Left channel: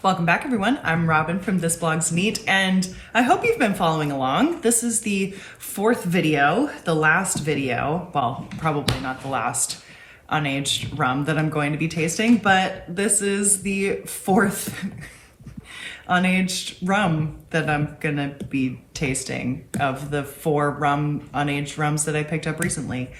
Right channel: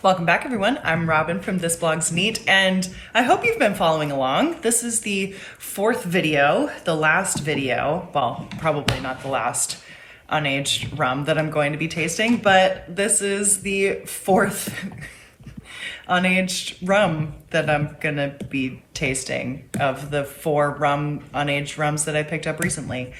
Welcome back, everyone. I'm Robin from This Blog's Neat, and I hope you've been following along. This is the fourth video, the last video, well, probably not the last unaged rum that I'm going to be tasting, but this is the fourth unaged rum that I'm gonna be tasting of the four unaged rums that I picked up recently.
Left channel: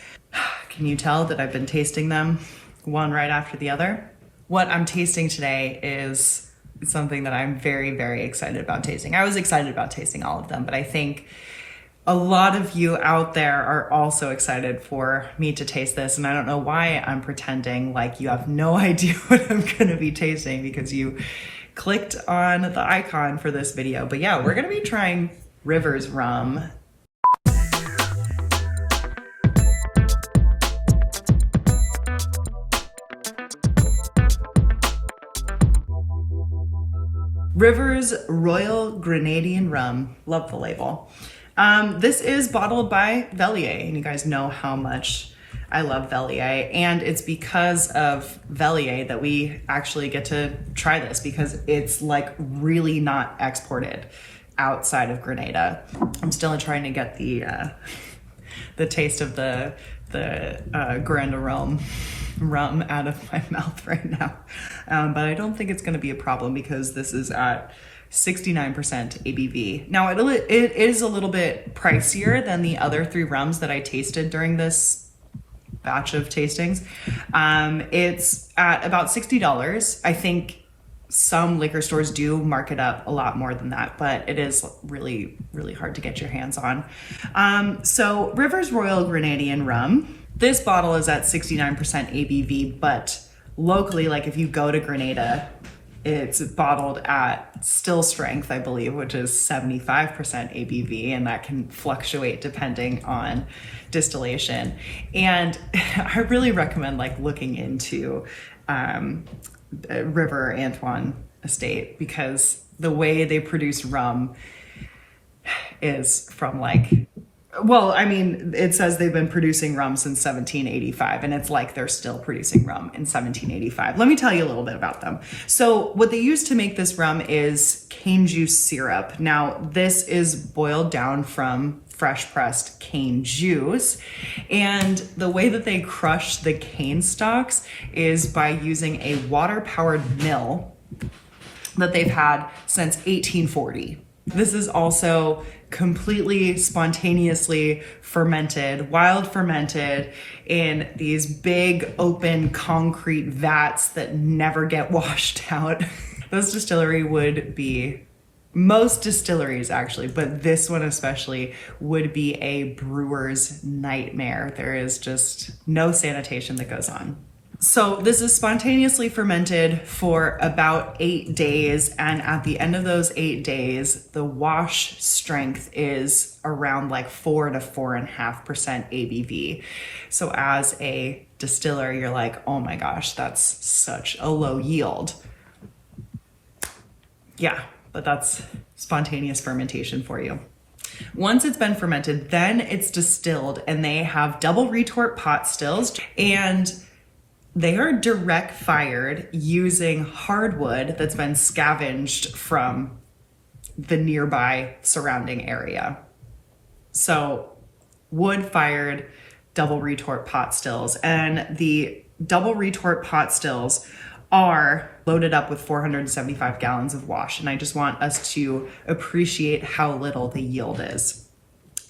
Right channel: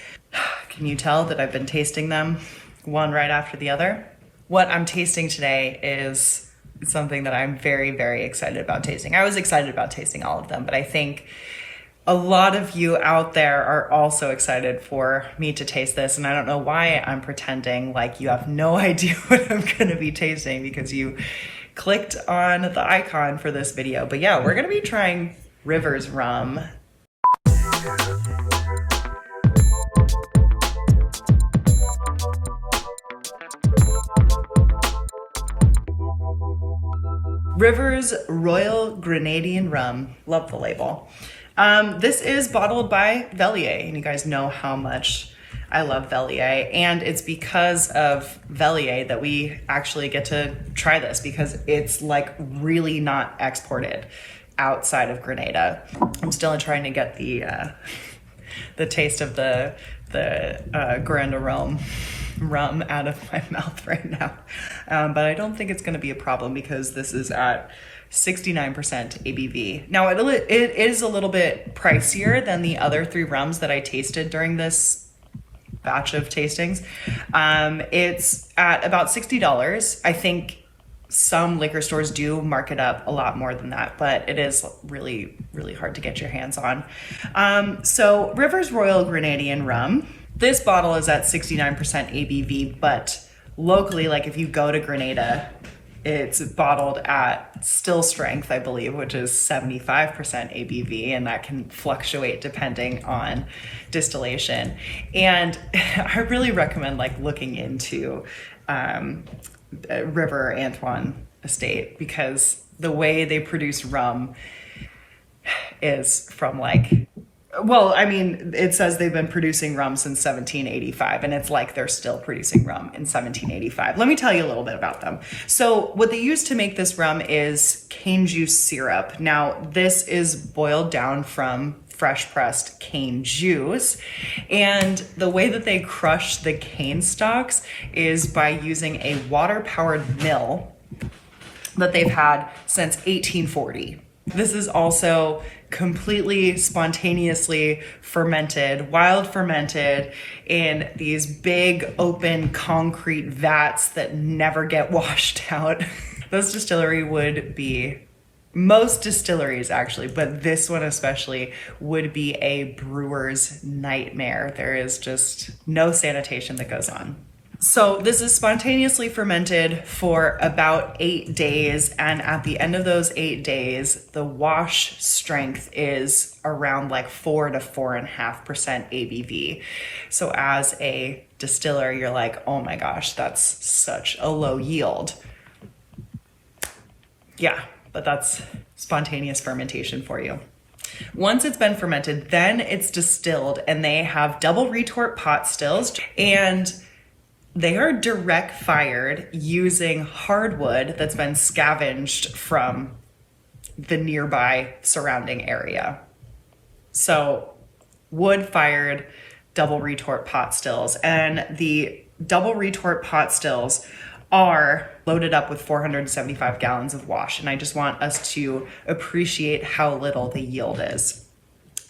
Can you tell that I've been tasting them one right after the other? What I'm tasting today is something that I'm very, very excited about tasting. I was excited about tasting all of them, but I think a lot of you out there are also excited for me to taste this, and I don't know why I'm pretending like you have no idea what I'm gonna be tasting because you clicked on the icon for this video. But yeah, we're gonna be trying Rivers Rum. Rivers Royal Grenadian Rum. Love the label. This is bottled by Vellier, and you guys know how much I love Vellier, and it's because of Vellier that we actually get to try this because it's like really not exported outside of Grenada. I'm still trying to get the taste of the Grenadian rum out of my mouth right now. But I don't think it's gonna be a problem because this is at 69% ABV. Now it is a little bit pricier than the other three rums that I tasted during this batch of tastings. It's at about $60. I think some liquor stores do mark it up a lot more than that, but it is really, really hard to get your hands on. So Rivers Royal Grenadian Rum. This bottle is at 69% ABV, but locally, like if you go to Grenada, it's bottled at still strength, I believe, which is 75% ABV, and that can fluctuate depending on distillation. And I really recommend like looking into River Antoine Estate because the way they produce rum is from like, well, I mean, it says they've been producing rum since 1785, and it's like they're still producing rum in 1785. Let me tell you a little bit about them. So what they use to make this rum is cane juice syrup. Now, this is boiled down from fresh pressed cane juice, and the way that they crush the cane stalks is by using a water-powered mill that they've had since 1840. This is also completely spontaneously fermented, wild fermented in these big open concrete vats that never get washed out. This distillery would be, most distilleries actually, but this one especially would be a brewer's nightmare. There is just no sanitation that goes on. So this is spontaneously fermented for about 8 days, and at the end of those 8 days, the wash strength is around like 4 to 4.5% ABV. So as a distiller, you're like, oh my gosh, that's such a low yield. Yeah, but that's spontaneous fermentation for you. Once it's been fermented, then it's distilled, and they have double retort pot stills, and they are direct fired using hardwood that's been scavenged from the nearby surrounding area. So wood fired double retort pot stills, and the double retort pot stills are loaded up with 475 gallons of wash. And I just want us to appreciate how little the yield is.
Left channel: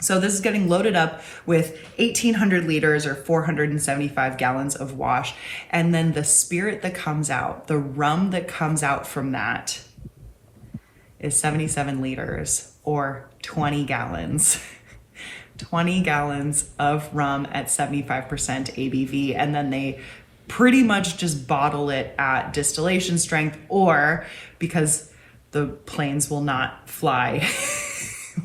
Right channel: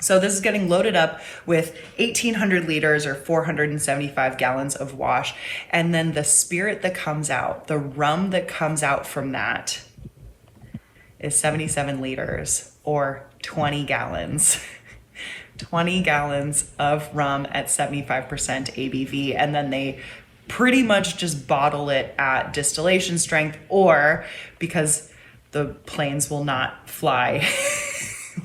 So this is getting loaded up with 1,800 liters or 475 gallons of wash. And then the spirit that comes out, the rum that comes out from that is 77 liters or 20 gallons. 20 gallons of rum at 75% ABV. And then they pretty much just bottle it at distillation strength, or because the planes will not fly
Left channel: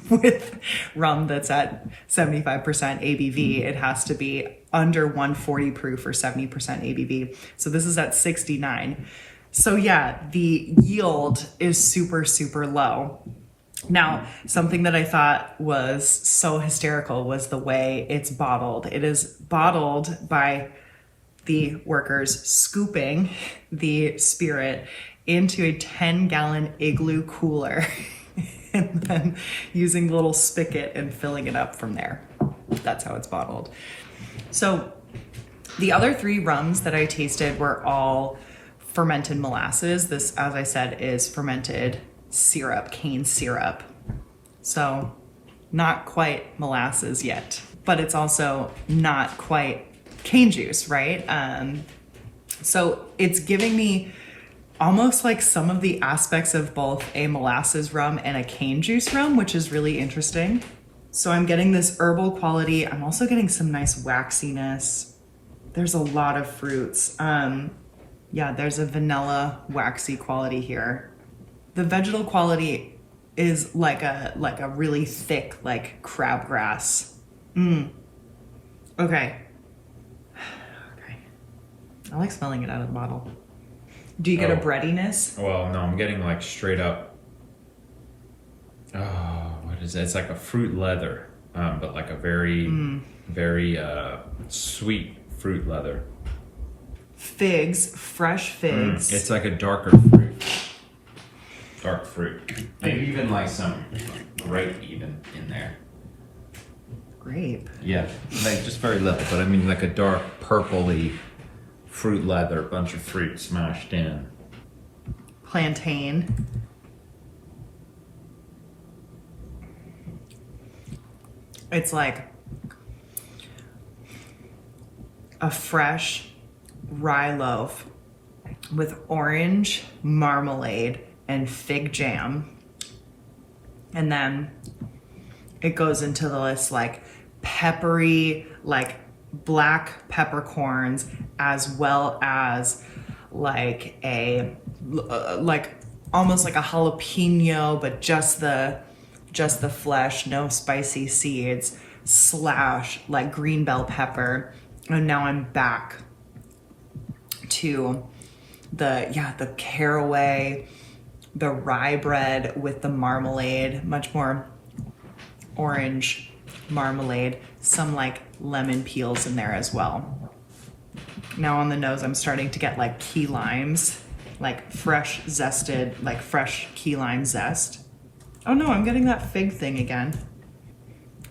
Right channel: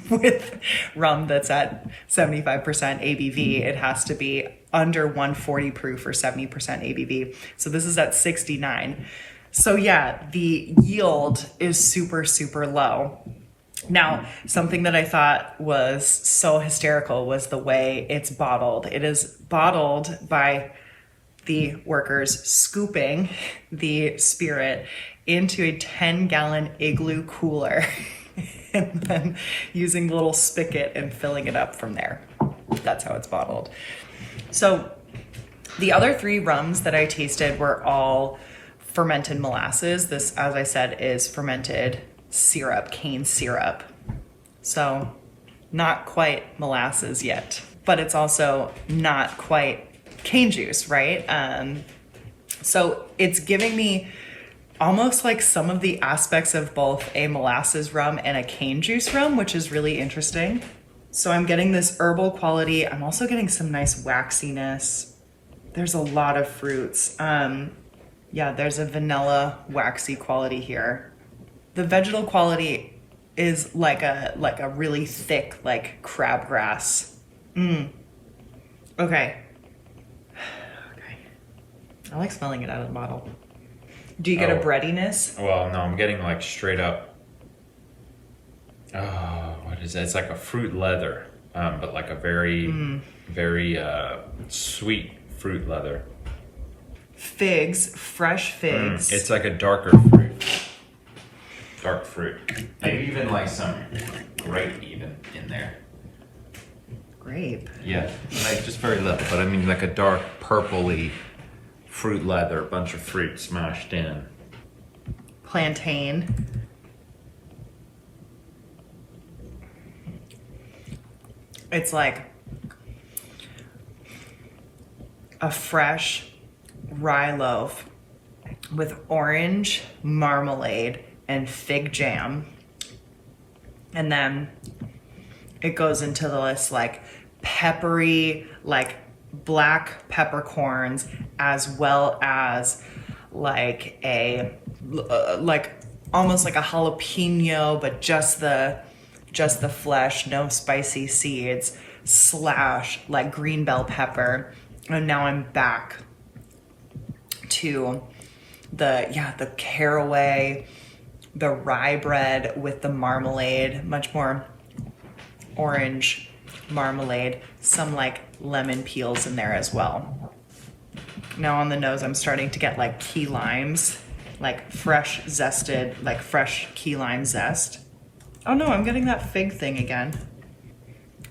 with rum that's at 75% ABV, it has to be under 140 proof or 70% ABV. So this is at 69. So yeah, the yield is super, super low. Now, something that I thought was so hysterical was the way it's bottled. It is bottled by the workers scooping the spirit into a 10-gallon Igloo cooler and then using a little spigot and filling it up from there. That's how it's bottled. So the other 3 rums that I tasted were all fermented molasses. This, as I said, is fermented syrup, cane syrup. So not quite molasses yet, but it's also not quite cane juice, right? So it's giving me almost like some of the aspects of both a molasses rum and a cane juice rum, which is really interesting. So I'm getting this herbal quality. I'm also getting some nice waxiness. There's a lot of fruits. Yeah, there's a vanilla waxy quality here. The vegetal quality is like a really thick, like crabgrass. Okay. I like smelling it out of the bottle. Do you get a breadiness? Well, no, I'm getting like straight up. What is it? It's like a fruit leather, but like a very, very sweet fruit leather. Figs, fresh figs. It's like a darker fruit. Dark fruit. Maybe even like some grape even in there. Grape? Yeah, like just very little, but I mean like a dark purpley fruit leather, a bunch of fruit smashed in. Plantain. It's like a fresh rye loaf with orange marmalade and fig jam. And then it goes into this like peppery, like black peppercorns, as well as like a like almost like a jalapeno, but just the flesh, no spicy seeds, / like green bell pepper. And now I'm back to the caraway, the rye bread with the marmalade, much more orange marmalade, some like lemon peels in there as well. Now on the nose, I'm starting to get like key limes, like fresh zested, like fresh key lime zest. Oh no, I'm getting that fig thing again.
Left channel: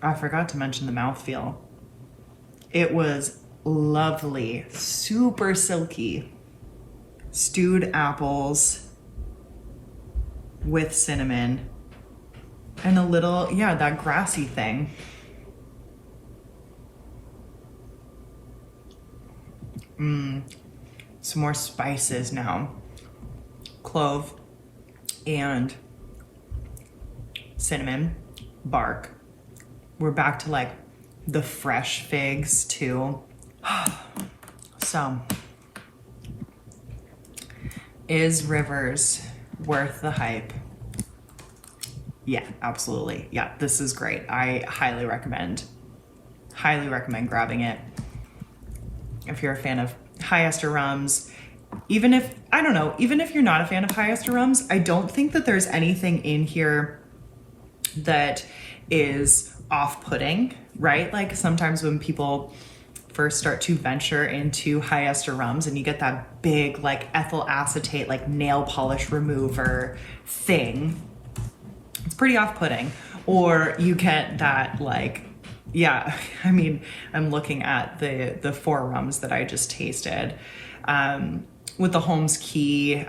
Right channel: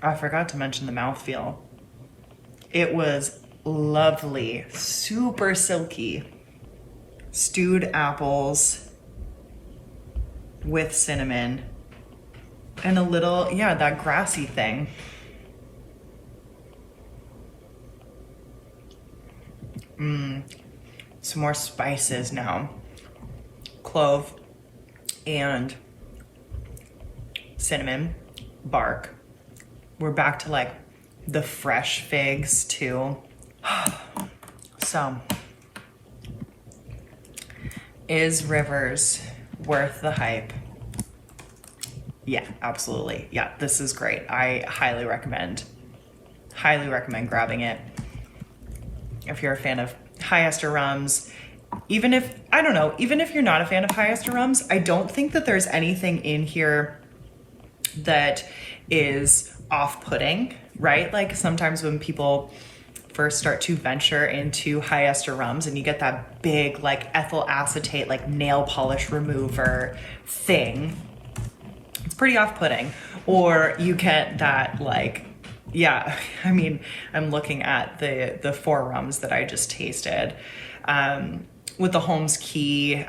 I forgot to mention the mouthfeel. It was lovely, super silky. Stewed apples with cinnamon and a little, yeah, that grassy thing. Some more spices now. Clove and cinnamon bark. We're back to like the fresh figs too. So, is Rivers worth the hype? Yeah, absolutely. Yeah, this is great. I highly recommend grabbing it. If you're a fan of high ester rums, even if you're not a fan of high ester rums, I don't think that there's anything in here that is off-putting, right? Like sometimes when people first start to venture into high ester rums and you get that big like ethyl acetate, like nail polish remover thing, it's pretty off-putting. Or you get that like, yeah, I mean, I'm looking at the 4 rums that I just tasted, with the Holmes Key,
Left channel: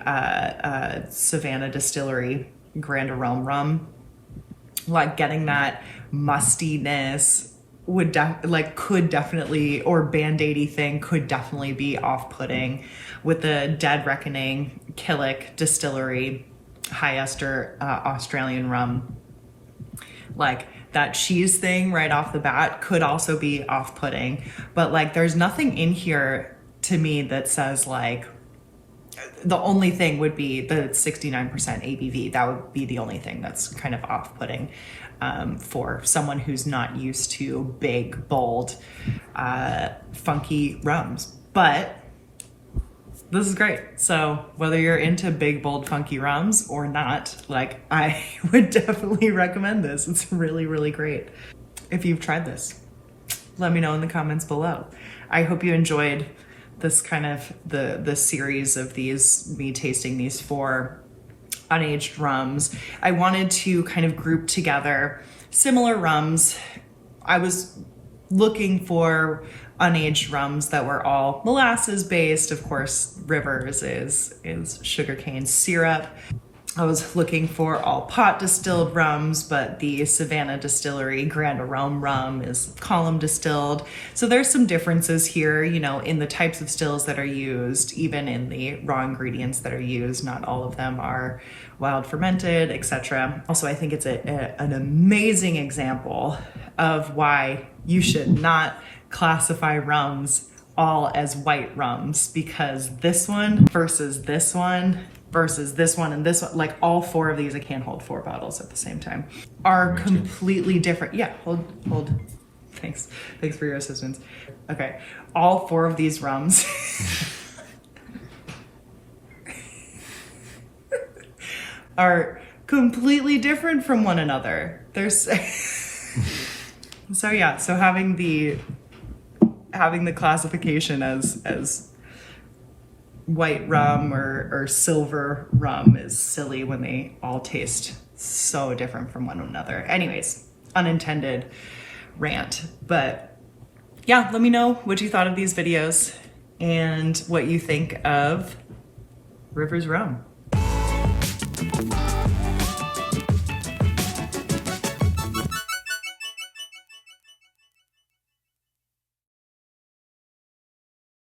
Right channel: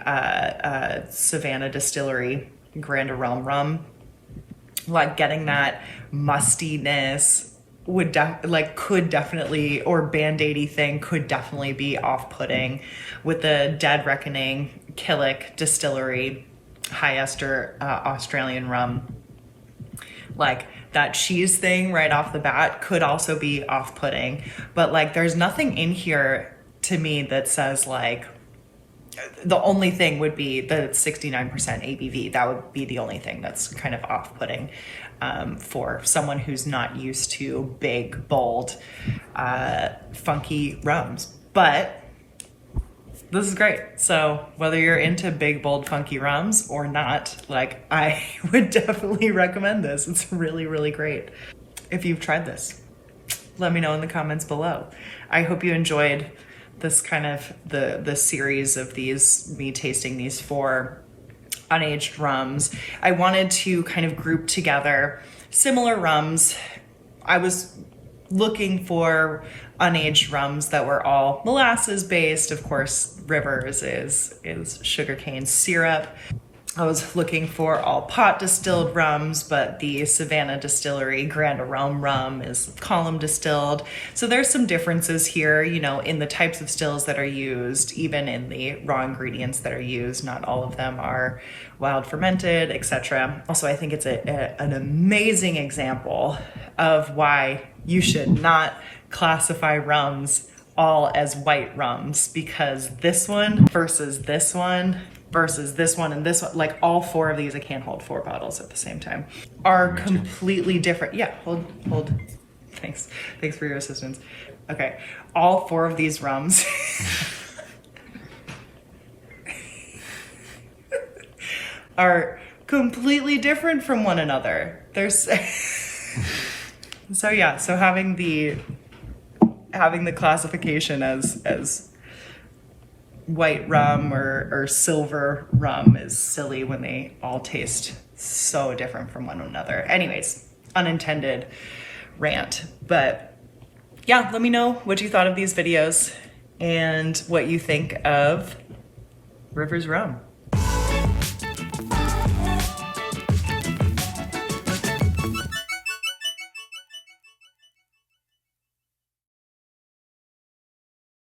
Savannah Distillery, Grenadian rum, like getting that mustiness could definitely, or band-aidy thing could definitely be off-putting with the Dead Reckoning Killick Distillery high ester Australian rum. Like that cheese thing right off the bat could also be off-putting, but like there's nothing in here to me that says like, the only thing would be the 69% ABV. That would be the only thing that's kind of off-putting for someone who's not used to big, bold, funky rums. But this is great. So whether you're into big, bold, funky rums or not, like I would definitely recommend this. It's really, really great. If you've tried this, let me know in the comments below. I hope you enjoyed this kind of the series of me tasting these 4 unaged rums. I wanted to kind of group together similar rums. I was looking for unaged rums that were all molasses based. Of course, Rivers is sugarcane syrup. I was looking for all pot distilled rums, but the Savannah Distillery Grenadian Rum is column distilled. So there's some differences here, you know, in the types of stills that are used, even in the raw ingredients that are used. Not all of them are wild fermented, etc. Also, I think it's an amazing example of why you should not classify rums all as white rums, because this one versus this one versus this one and this one, like all 4 of these, I can't hold 4 bottles at the same time, are completely different. Yeah, hold. Thanks for your assistance. Okay, all 4 of these rums are completely different from one another. There's so having the classification as white rum or silver rum is silly when they all taste so different from one another. Anyways, unintended rant. But yeah, let me know what you thought of these videos and what you think of Rivers Rum.